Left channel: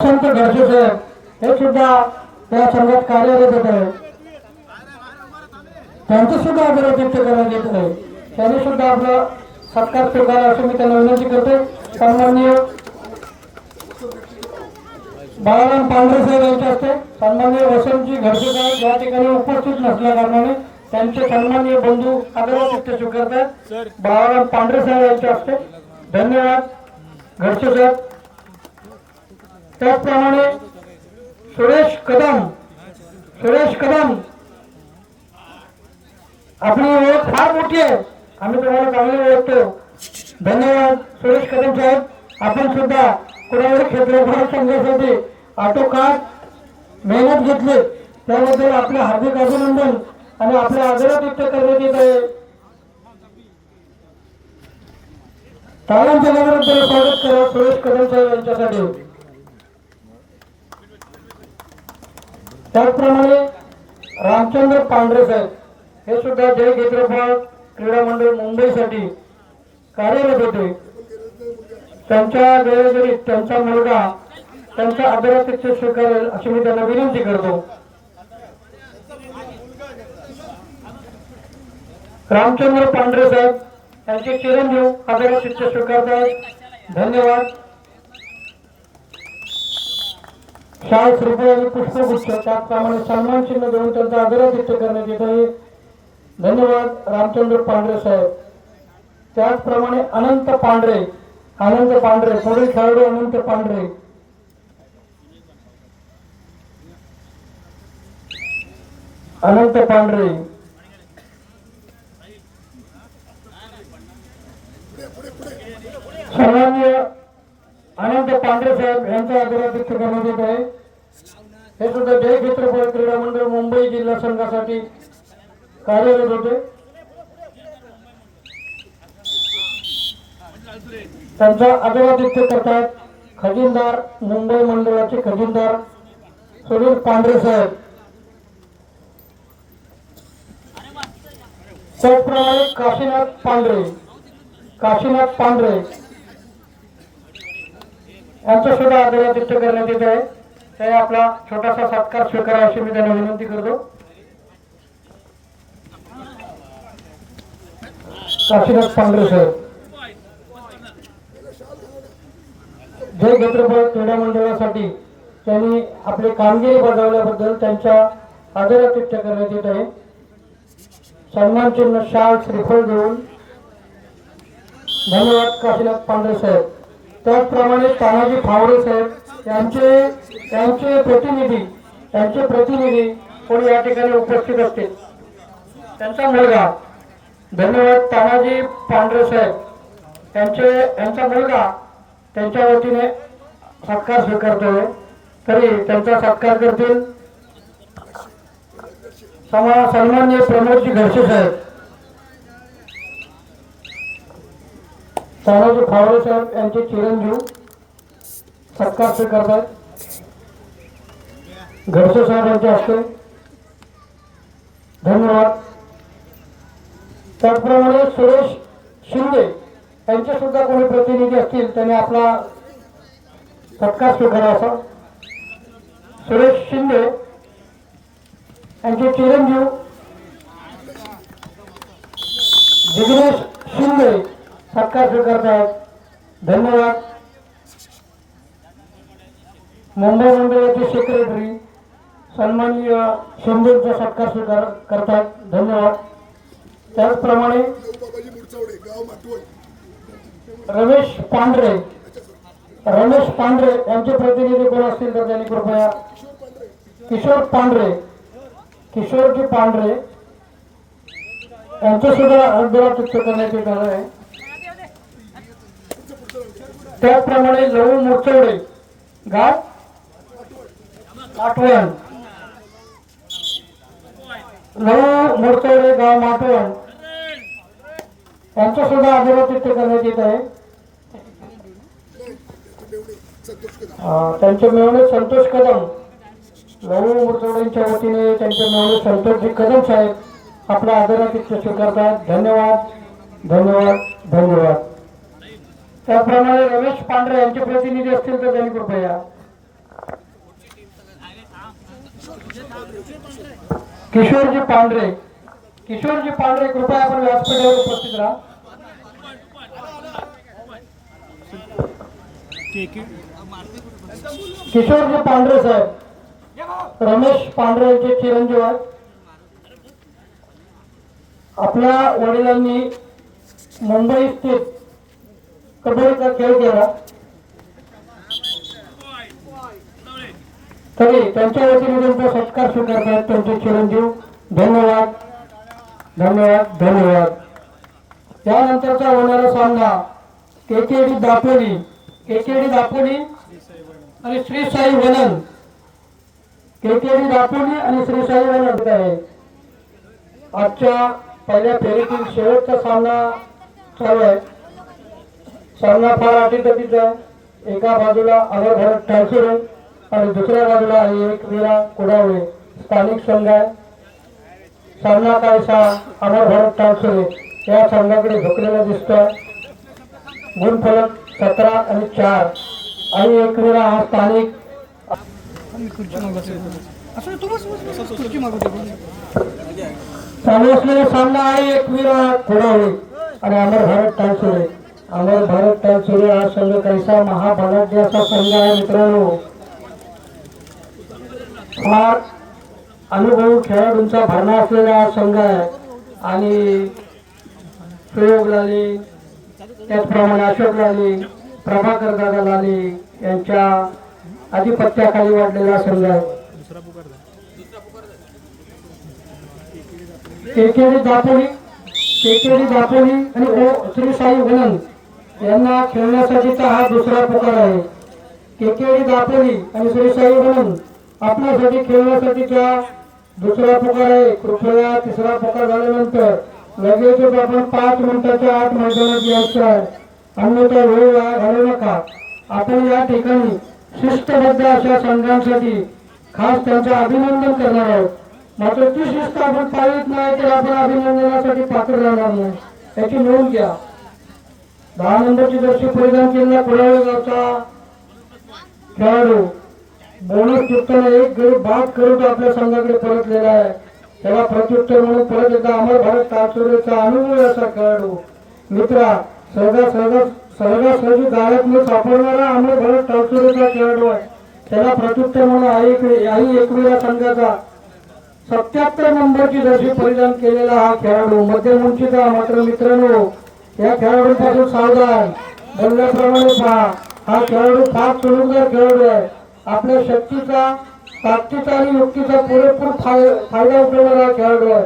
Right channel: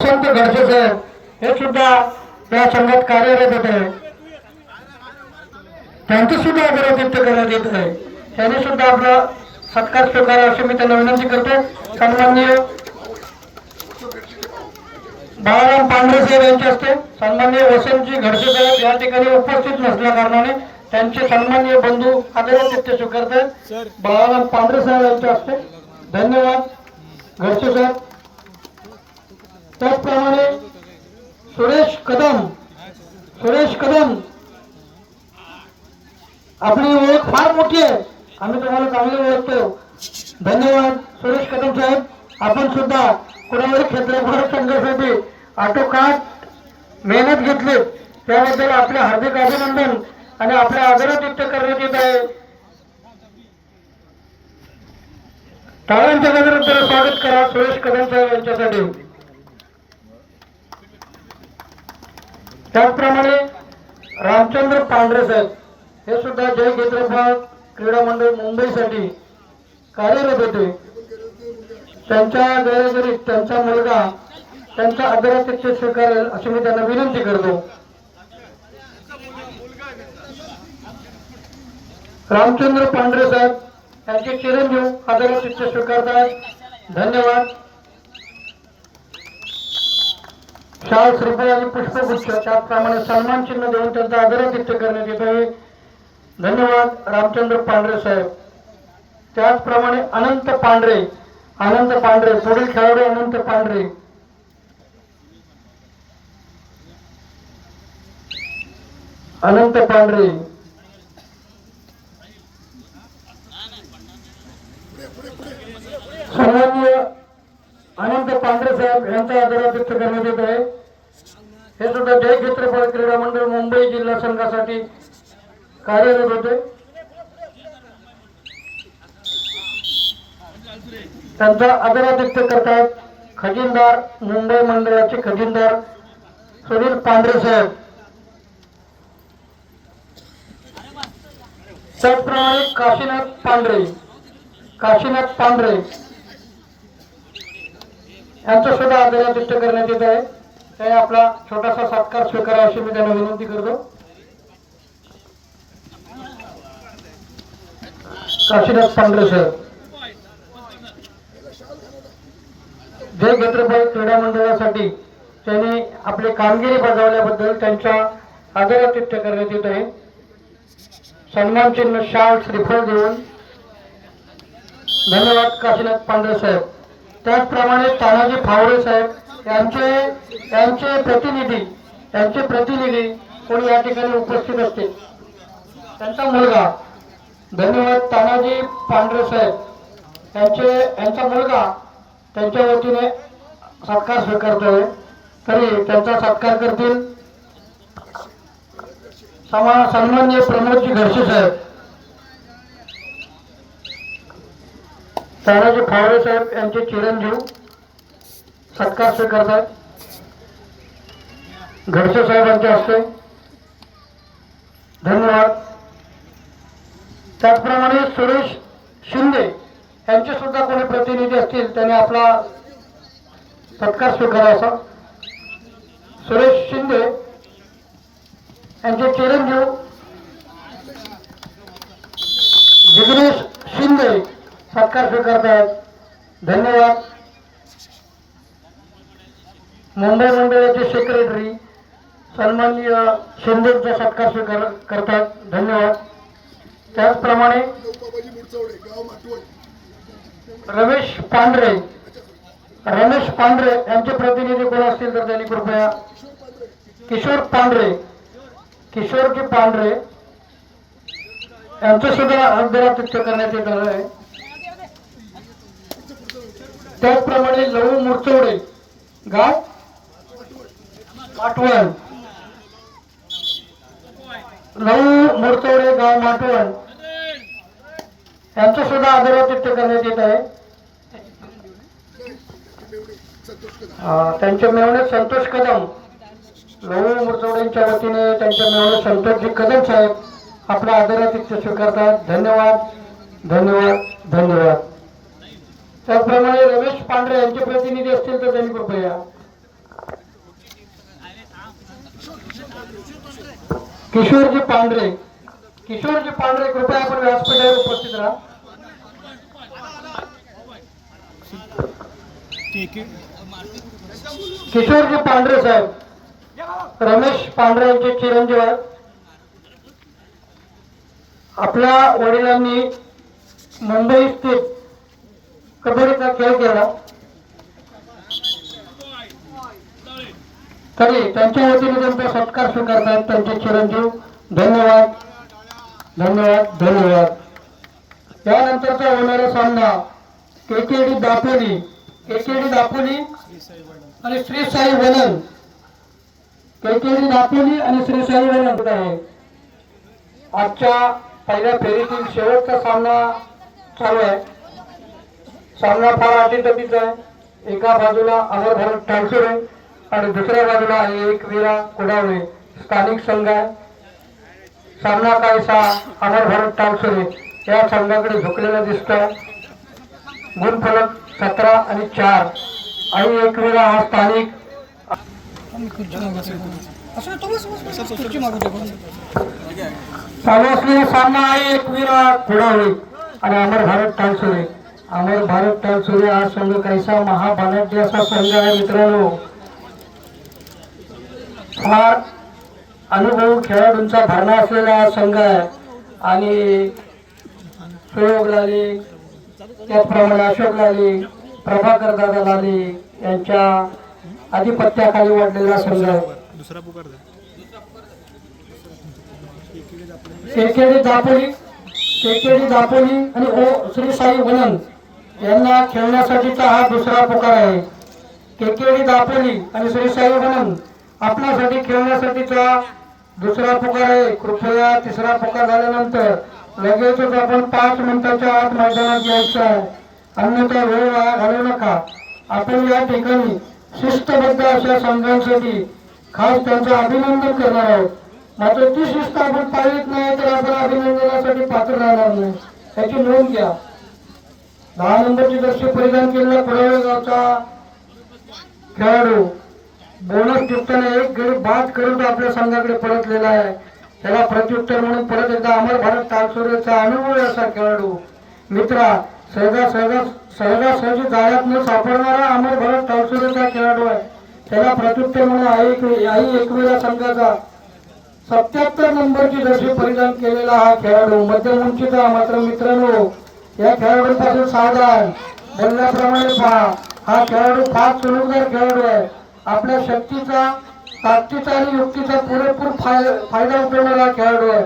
संत घडसे साहेब हे सुद्धा त्या संघात कार्यरत होते. त्यांचं सुद्धा आदर व्यक्त करण्यात येत आहे. त्यांनी सुद्धा आपला सत्कार स्वीकारला अशी मी त्यांना विनंती करतो. सन्माननीय बाळाराम पांढरे साहेब यांच्या हस्ते सन्माननीय वसंतजी घडसे साहेब या ठिकाणी उपस्थित नसल्या कारणाने त्यांचे सन्माननीय बंधू आदर व्यक्त स्वीकारतात. बाळाराम पांढरे साहेब यांच्या हस्ते धन्यवाद घडसे साहेब. त्याचप्रमाणे सुरेश कदम आपली ओळख फार मोठी आहे, आम्ही तुम्हाला चांगले ओळखतो. धन्यवाद सुरेश कदम साहेब. आपण सुद्धा कुणावरी क्षेत्रफळ संघासाठी आटोकाट मेहनत घेतली त्याबद्दल आपले हार्दिक अभिनंदन आणि आपल्या आदरात व्यक्त करण्यात येत आहे. टाळ्यांच्या गजरात स्वागत करा सुरेश कदम साहेब यांच्यासाठी. त्याचप्रमाणे रामचंद्र पांढरे साहेब हे सुद्धा जय क्षेत्रफळ क्रीडा मंडळ मुंबईसाठी कार्यरत होते. त्यांच्या गैरहजेरीत त्यांचा मुलगा त्यांच्या आदराध्यक्ष स्वीकारेल अशी मी त्यांना विनंती करतो. रामचंद्र पांढरे साहेब त्यांचे चिरंजीव आदराध्यक्ष स्वीकारतात. धन्यवाद. शाल श्रीफळ आणि पुष्पगुच्छ त्याचप्रमाणे सन्मान चिन्ह देऊन त्यांचा आदरातिथ्य करण्यात येत आहे. धन्यवाद रामचंद्र पांढरे साहेब. त्याचप्रमाणे अनंत पांढरे पुढील खेळाडू अनंत पांढरे. सन्माननीय अनंत पांढरे साहेब यांच्या आदरातिथ्य करण्यात येत आहे. हे सुद्धा जय क्षेत्रफळ क्रीडा मंडळ मुंबई जिल्हा संघासाठी कार्यरत होते. त्यांचा आदरातिथ्य करतात खजिनदार मुंबई मंडळाचे खजिनदार सुनील पांढरे साहेब. त्याचप्रमाणे काशीनाथ पांढरे यांचा सुद्धा आदरातिथ्य करण्यात येत आहे. ते आपला छोटासा सत्कार स्वीकारा अशी मी त्यांना विनंती करतो. काशीनाथ पांढरे साहेब जय क्षेत्रफळ क्रीडा मंडळासाठी त्यांनी आपली कामगिरी बजावल्याबद्दल त्यांच्या आदरातिथ्य करण्यात येत आहे. सन्मान चिन्ह शाल श्रीफळ देऊन धन्यवाद काशीनाथ पांढरे साहेब. त्याचप्रमाणे तानाजी फावरे साहेब यांचे प्रतिनिधी कोणी या ठिकाणी उपस्थित असतील. त्यांचा मुलगा धन्यवाद तानाजी पांढरे साहेब यांचा मुलगा त्यांच्या वतीने सत्कार स्वीकारतोय. तरी त्यांचा सत्कार करतील सन्माननीय प्रमोदजी घडसे साहेब. तानाजी फावरे साहेब यांचे चिरंजीव सत्कार स्वीकारतात घडसे साहेबांच्या हस्ते. धन्यवाद. त्याचप्रमाणे सुरेश शिंदे यांचे सुद्धा कोणी प्रतिनिधी असतील त्यांनी आपला सत्कार स्वीकारावा. सुरेश शिंदे यांचे चिरंजीव जिग्नेश शिंदे सत्कार स्वीकारतात. धन्यवाद. मुंबई मंडळाचे सेक्रेटरी सन्माननीय शिंदेचा सत्कार स्वीकार करतात. धन्यवाद. त्याचप्रमाणे रमेश पांढरे यांचे प्रतिनिधी कोण असतील तर त्यांनी कृपया किशोरजी पांढरे यांचं सुद्धा आदरातिथ्य करण्यात येत आहे. त्याचप्रमाणे लहू मुरचवडे गाव माटवण यांचं सुद्धा आदरातिथ्य करण्यात येत आहे. त्यांचे मेवणे संतोष कदम लहू मुरचवडेंच्या वतीने त्यांचे मेवणे संतोषजी कदम साहेब आपल्या आदरातिथ्य स्वीकारतात. धन्यवाद. त्याचप्रमाणे रमेश पांढरे यांचे प्रतिनिधी असतील तर त्यांनी कृपया किशोरजी पांढरे, किशोरजी पांढरे कृपया आपण व्यासपीठावर उपस्थित राहा. किशोरजी पांढरे साहेब, रमेश पांढरे यांचे चिरंजीव आहेत. आपल्या वडिलांनी मुंबई स्थित कबड्डीचा खेळ केला, तरी त्यांच्या वतीने त्यांचा सत्कार स्वीकारतात त्यांचे चिरंजीव. धन्यवाद धन्यवाद धन्यवाद. यानंतरचा होणारा सामना केकेडी दापोली, केकेडी दापोली आणि श्री साई वनन, केकेडी दापोली आणि श्री साई वनन आहे. आजच्या पहिल्या फेरीतील शेवटचा सामना चालू आहे. सामना फार अटीतटीचा आहे. एका बाजूला अमर भारत टाळसुरे आणि दुसऱ्या बाजूला आहे एकवीरा कुडावळे स्थानिक संघ आहे. सामना काहीसा अमर भारत टाळसुरे या संघाकडे झुकलेला दिसतोय. गुणफलक 17 आणि 4 आणि एकवीरा हा स्थानिक. चालू असलेला सामना आहे एकवीरा कुडावळे आणि अमर भारत टाळसुरे. अमर भारत टाळसुरे हा संघ काहीसा महाबलाढ्य असा संघ आहे मित्रांनो. फार अनुभव खेळाडूंचा भरणा असलेला संघ आहे आणि प्रयोग लाले, त्याचप्रमाणे अशोक लाले, प्रभाकर दादा लाले यांच्या आधिपत्याखाली वाढलेला संघ आहे. केकेडी दापोली, केकेडी दापोली आणि श्री साई वनन यांना खेळण्यासाठीचा हा दुसरा पुकार आहे. केकेडी दापोली आणि श्री साई वनन आपल्यासाठी खेळण्यासाठीचा दुसरा पुकार आहे. कृपया तिसरा पुकार झाल्यानंतर लगेचच आपण 5 मिनिटाच्या आत मैदानात यायचं, अन्यथा वेळ वाया घालवू नका. आपण या ठिकाणी शिस्तबद्ध अशा संघांसाठी खास त्यांचं अभिनंदन करणार आहोत. मात्र ती शिस्त आपण पाळीत नाही तर आपण अभिनंदनासाठी पात्र राहणार नाही, याची नोंद घ्या. 10 नंबरची जर्सी परिधान केलेला कुडाळे गावचा खेळाडू बोनस टिपताना एक गडी बाद करून आपल्या संघाकडे परतलेला आहे. त्याला प्रत्युत्तर म्हणून परत एकदा अमर भारत टाळसुरेचा अनुभव असा खेळाडू मित्रा सहजासहजी जाण्यात न सापडणारा अमर भारत टाळसुरेचा खेळाडू आहे. त्याला प्रत्युत्तर म्हणून आई एकवीरा संघाचा 77 नंबरची जर्सी परिधान केलेला हा खेळाडू मध्यम उंचीचा. मात्र मित्रांनो या खेळाडूंपासून सावधान. बोलण्याप्रमाणे पहा, हा खेळाडू फार चुणूकदार खेळाडू आहे. आपल्या शक्तीचा, ताकदीचा आणि युक्तीचा पुरेपूर फायदा उठवणारा खेळाडू आहे.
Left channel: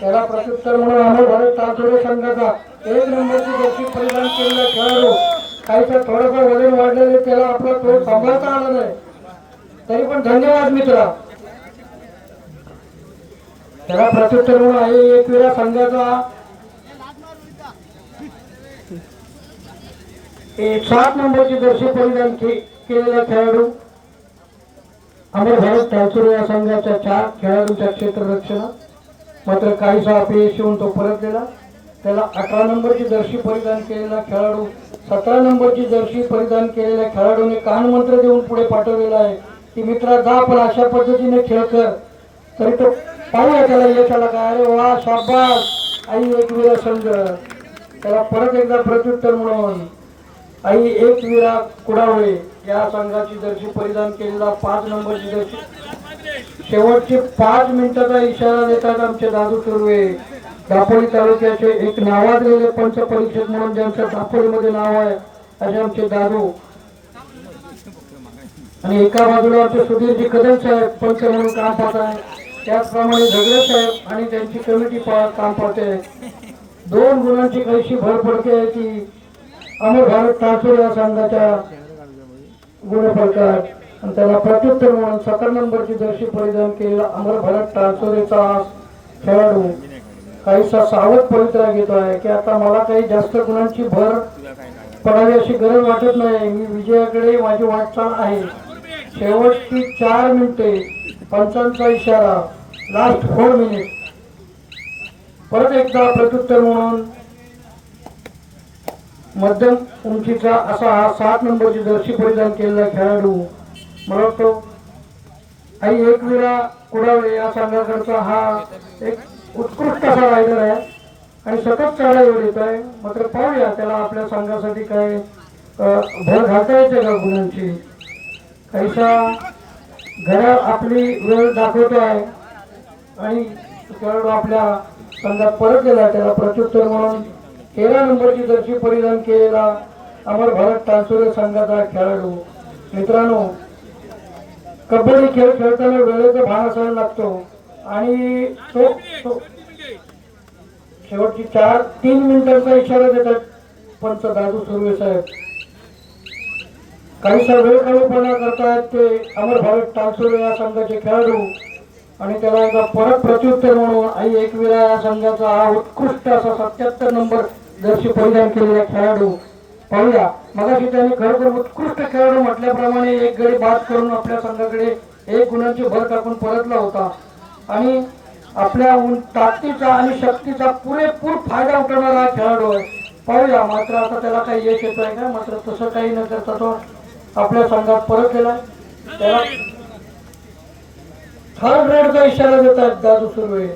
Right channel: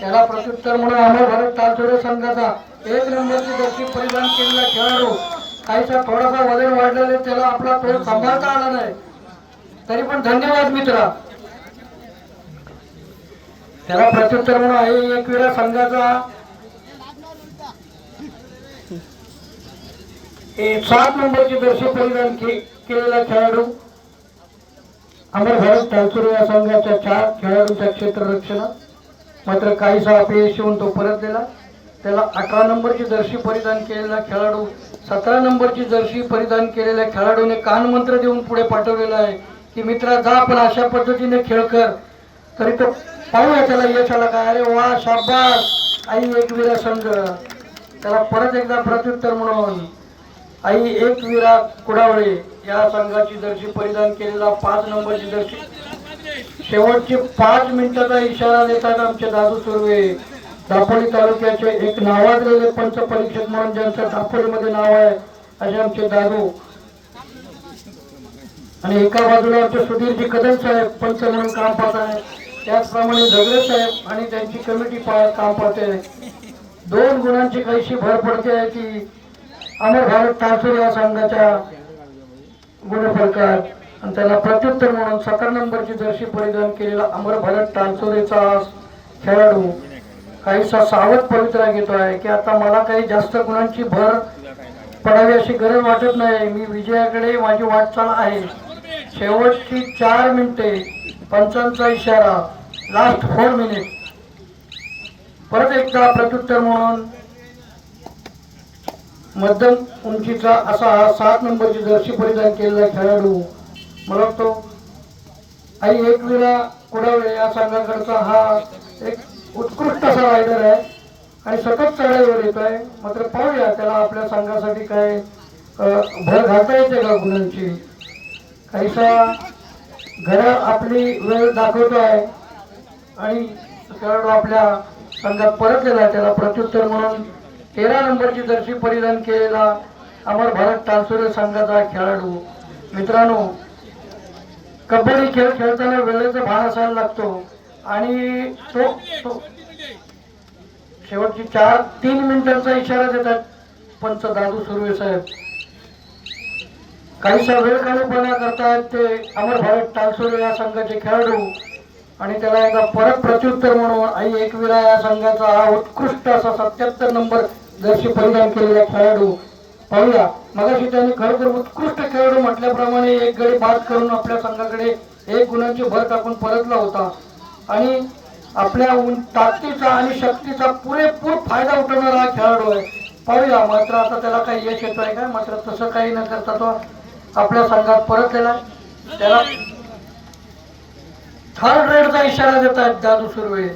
त्याला प्रत्युत्तर म्हणून अमर भारत टाळसुरे संघाचा 1 नंबरची जर्सी परिधान केलेला खेळाडू काहीसा थोडासा वजन वाढलेले, त्याला आपला तोल सांभाळता आला नाही, तरी पण धन्यवाद मित्रा. त्याला प्रत्युत्तर म्हणून आहे एकवीरा संघाचा 7 नंबरची जर्सी परिधान केलेला खेळाडू अमर भारत टाळसुरे या संघाच्या 4 खेळाडूंच्या क्षेत्ररक्षण. मात्र काहीसा अपयशी होऊन तो परतलेला. त्याला 18 नंबरची जर्सी परिधान केलेला खेळाडू 17 नंबरची जर्सी परिधान केलेल्या खेळाडूने कानमंत्र देऊन पुढे पाठवलेला आहे की मित्रा जा, पण अशा पद्धतीने खेळ कर. तरी तो पाहूया त्याला यश आला का. अरे वा, शाबास आई एकवीरा संघ. त्याला परत एकदा प्रत्युत्तर म्हणून आई एकवीरा कुडावळे या संघाची जर्सी परिधान केलेला 5 नंबरची जर्सी. शेवटचे 5 मिनिटाचा इशारा देतात आमचे दादू सुर्वे, दापोली तालुक्याचे एक नावाजलेले पंच परीक्षक म्हणून ज्यांचं दापोलीमध्ये नाव आहे असे आमचे दादू. आणि एका बाजूला आमचे सुधीरजी कदम साहेब पंच म्हणून काम पाहत आहे. त्याचप्रमाणे झगडे साहेब आणि त्यांची कमिटी काम पाहते. 2 गुणांची काहीशी भर पडते आहे की अमर भारत टाळसुरे या संघाच्या गुणफलकात. आणि त्याला प्रत्युत्तर म्हणून 17 नंबरची जर्सी परिधान केलेला अमर भारत टाळसुरेचा खेळाडू काहीसा सावध पवित्रा घेतो आहे की आता मला काही जास्त गुणांची भर पडावी अशी गरज वाटत नाही. मी विजयाकडे माझी वाटचाल आहे. शेवटची 4 मिनिटे, पंचांचा इशारा, लास्ट 4 मिनिट. परत एकदा प्रत्युत्तर म्हणून मध्यम उंचीचा असा हा 7 नंबरची जर्सी परिधान केलेला खेळाडू मला वाटतो आई एकवीरा कुडावळे या संघाकडचा हा एक उत्कृष्ट असा रायडर आहे आणि सतत चढाईवर येतोय. मात्र पाहूया त्याला आपल्या संघासाठी काय भर घालता येते का गुणांची. काहीसा घरात आपली वेळ दाखवतोय आणि खेळाडू आपल्या संघात परतलेला आहे. त्याला प्रत्युत्तर म्हणून 13 नंबरची जर्सी परिधान केलेला अमर भारत तानसुरे संघाचा खेळाडू. मित्रांनो, कबड्डी खेळ खेळताना वेळेचा भान असायला लागतो आणि तो शेवटची 3 मिनिटांचा इशारा देतात पंच दादू सुर्वे साहेब. काही वेळ काढूपणा करतात ते अमर भारत तानसुरे या संघाचे खेळाडू आणि त्याला एकदा परत प्रत्युत्तर म्हणून आई एकविरा या संघाचा हा उत्कृष्ट असा 77 नंबर जर्सी परिधान केलेला खेळाडू. पाहूया, मगाशी त्याने खरोखर उत्कृष्ट खेळाडू म्हटल्याप्रमाणे एक गडी बाद करून आपल्या संघाकडे 1 गुणांची भर टाकून परतला होता आणि आपल्या ताकदीचा आणि शक्तीचा पुरेपूर फायदा उठवणारा खेळाडू आहे. पाहूया, मात्र आता त्याला काही यश येत आहे का. मात्र तसं काही न करता तो आपल्या संघात परतलेला. त्याला थर्ड रेडचा इशारा देतात दादू सुर्वे.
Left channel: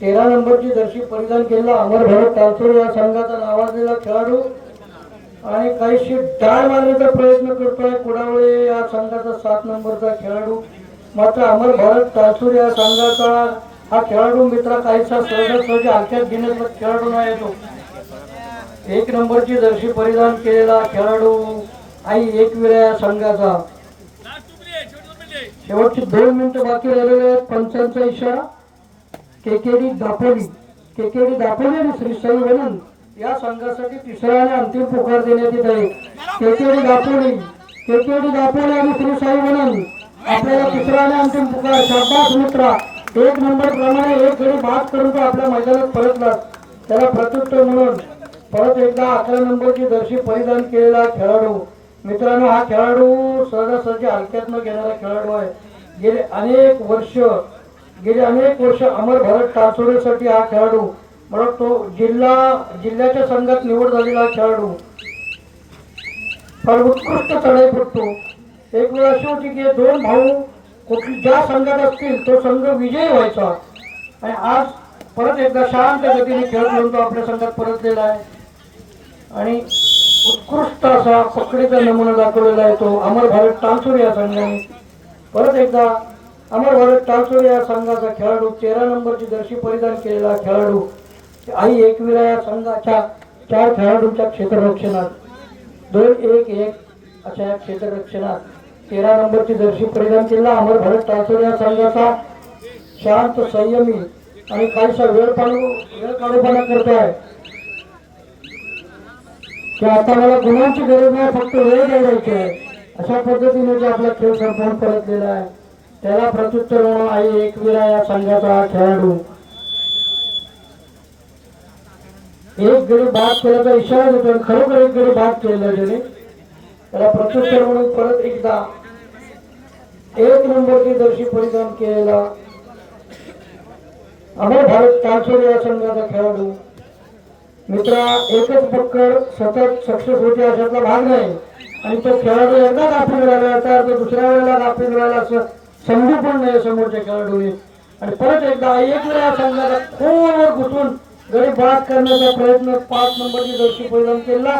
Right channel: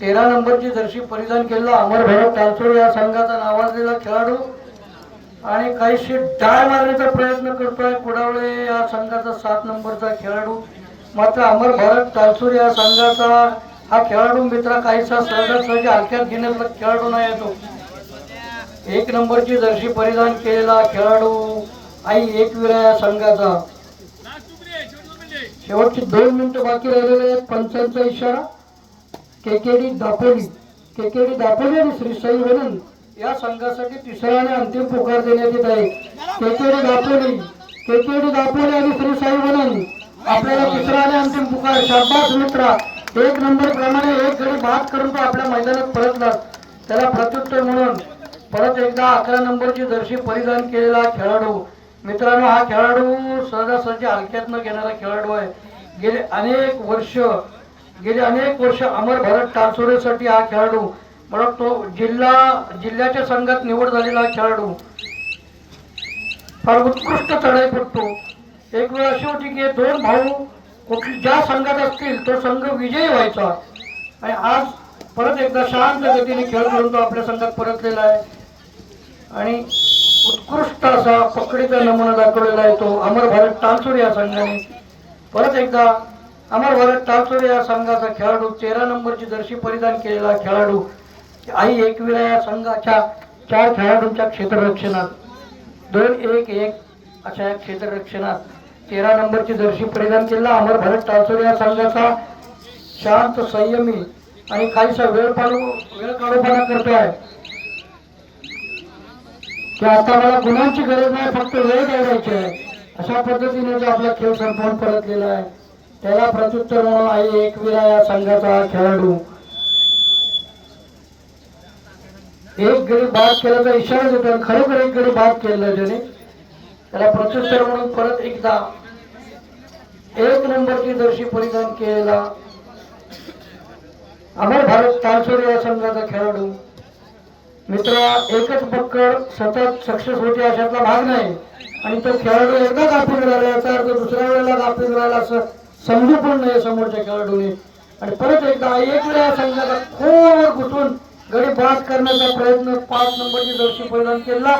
13 नंबरची जर्सी परिधान केलेला अमर भारत तानसुरे या संघाचा नावाजलेला खेळाडू आणि काहीशी डाय मारण्याचा प्रयत्न करतोय कुडावळे या संघाचा 7 नंबरचा खेळाडू. मात्र अमर भारत तानसुरे या संघाचा हा खेळाडू मित्र काहीसा सहजासहजी हलक्यात घेण्याचा खेळाडू नाही आहे. तो 1 नंबरची जर्सी परिधान केलेला खेळाडू आई एकविरा या संघाचा. शेवटची 2 मिनिटं बाकी राहिलेले आहेत. पंचांचा इशारा केकेडी दापोली आणि श्री साई वनन या संघासाठी तिसरा आणि अंतिम पुकार देण्यात येत आहे. केकेडी दापोली आणि श्री साई वनन आपल्याला तिसरा आणि अंतिम पुकार. शाबास मित्रा, 1 नंबर प्रमाणे 1 गडी बाद करून तो आपल्या मैदानात परतला. त्याला प्रत्युत्तर म्हणून परत एकदा 11 नंबरची जर्सी परिधान केलेला खेळाडू. मित्रांनो, हा खेळाडू सहजासहजी हलक्यात न घेणारा खेळाडू आहे. गेले अनेक वर्ष अमर भारत तानसुरेसाठी हा खेळाडू मला तो जिल्ह्याच्या संघात निवड झालेला खेळाडू फार उत्कृष्ट चढाई पडतो. एक वेळ अशी होती की 2 भाऊ कुठली ज्या संघात असतील तो संघ विजयी व्हायचा आणि आज परत एकदा शांत गतीने खेळ खेळून तो आपल्या संघात परतलेला आहे आणि उत्कृष्ट असा पकडीचा नमुना दाखवलेला आहे तो अमर भारत तानसुरे या संघाने. परत एकदा अमर भारत तानसुरे या संघाचा खेळाडू 13 नंबरची जर्सी परिधान केलेला खेळाडू आई एकविरा या संघाच्या 4 खेळाडूंच्या क्षेत्ररक्षणात 2-1-1 अशा क्षेत्ररक्षणात 13 नंबरची जर्सी परिधान केलेला अमर भारत तानसुरे या संघाचा शांत संयमी आणि काहीसा वेळ काढूपणा करतोय की आता मला गुणांची गरज नाही, फक्त वेळ द्यायची आहे अशा पद्धतीने आपला खेळ संपवून परतलेला आहे. त्याला प्रत्युत्तर म्हणून आई एकविरा या संघाचा खेळाडू 1 गडी बाद केल्याचा इशारा देतो. खरोखर 1 गडी बाद केला त्याने. त्याला प्रत्युत्तर म्हणून परत एकदा 1 नंबरची जर्सी परिधान केलेला अमर भारत तानसुरे या संघाचा खेळाडू. मित्रा, एकच पकड सतत सक्सेस होते अशातला भाग नाही आणि तो खेळाडू एकदा गाफील राहिला याचा अर्थ दुसऱ्या वेळेला गाफील राहिला असं समजू पण नाही समोरच्या खेळाडूने. आणि परत एकदा एकवेळा संघाचा खोलवर घुसून गडी बाद करण्याचा प्रयत्न 5 नंबरची जर्सी परिधान केला.